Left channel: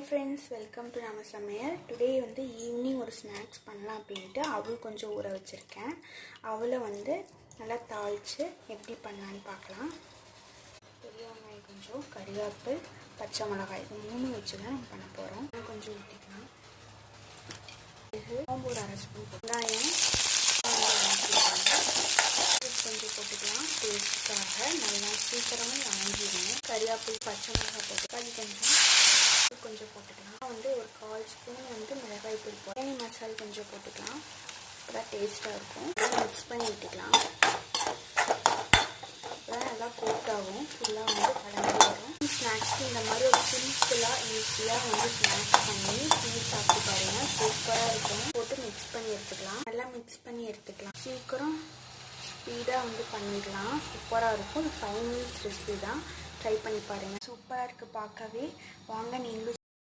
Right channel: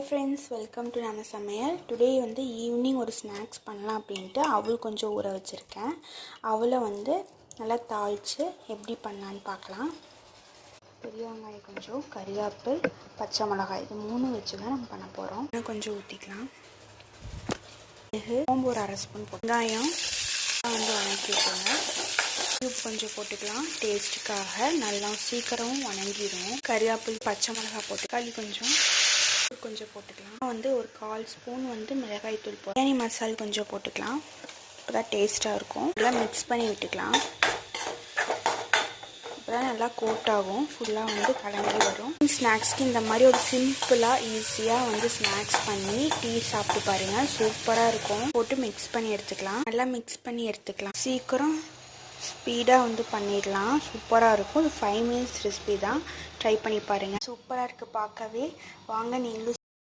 Hi friends, welcome to நம்ம சமையல். Today வந்து ஈவினிங் ஒரு ஸ்நாக்ஸ் பண்ணலாம் அப்படின்ட்டு அவள் கொஞ்சம் ஊற வச்சுருக்கேன். அவளை வந்து நல்லா தாளித்து எப்படி பண்ணலான்னு பார்க்கலாம். பெரிய வெங்காயம் கொஞ்சம், கறிவேப்பிலை, பச்சை மிளகாய், இது 3 வச்சு தான் நம்ம பண்ண போகிறோம். கொஞ்சம் ஊற்றிக்கலாம். சோம்பு ஒரு 1/2 ஸ்பூன், வெங்காயம் வந்து வணக்கிக்கோங்க. கொஞ்சம் போட்டுக்கலாம் டேஸ்ட்டுக்காக. நல்லா சீக்கிரம் வணங்கிடும். கறிவேப்பிலை, பச்சை மிளகாய் போட்டு அது கொஞ்சம் போட்டுக்கலாம். வந்து ஒரு 1/4 ஸ்பூன் வந்து மிளகாய் தூள் பிரியாணி மசாலா கொஞ்சம் போட்டுக்கலாம். இப்போ தான் டேஸ்ட்டாக இருக்கும். நல்லா மிக்ஸ் பண்ணி விட்டுக்கலாம். இப்போ தான் நல்லா கோட்டாகும். ஃபுல்லாக வந்து கலந்து வரும். ஸ்நாக்ஸ்க்கு இந்த மாதிரி ஒரு சிம்பிளாக ஈஸியாக வந்து ஸ்நாக்ஸ் பண்ணி டீ சாப்பிட்டு பாருங்கள். சூப்பராக இருக்கும். போட்டு மிக்ஸ் பண்ணி எடுத்துக்கலாம். நல்லா மிக்ஸ் பண்ணி எடுத்துக்கலாம். சீக்கிரம் ஸ்பீடாக வந்து பண்ணிடலாம். சூப்பராக இருக்கும். 5 மினிட்ஸ் ரெசிபி தான். ட்ரை பண்ணி பாருங்கள். சூப்பராக இருக்குது பார்க்கவே. வாங்க நீங்களும்